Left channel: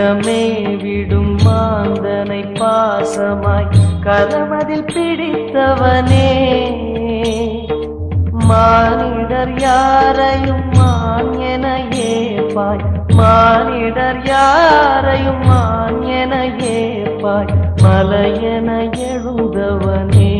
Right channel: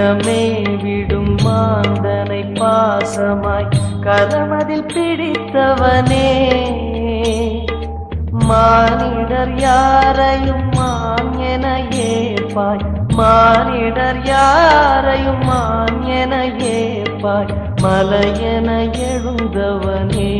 கரமே விடும் மாந்தனை பாசமாய் கரமதில் பிடித்தவனே மானிடர் யாரையும் மான் என ஏற்பாய் மானிடர் யாரையும் மான் என ஏற்பாய் மலையென எழுந்தவனே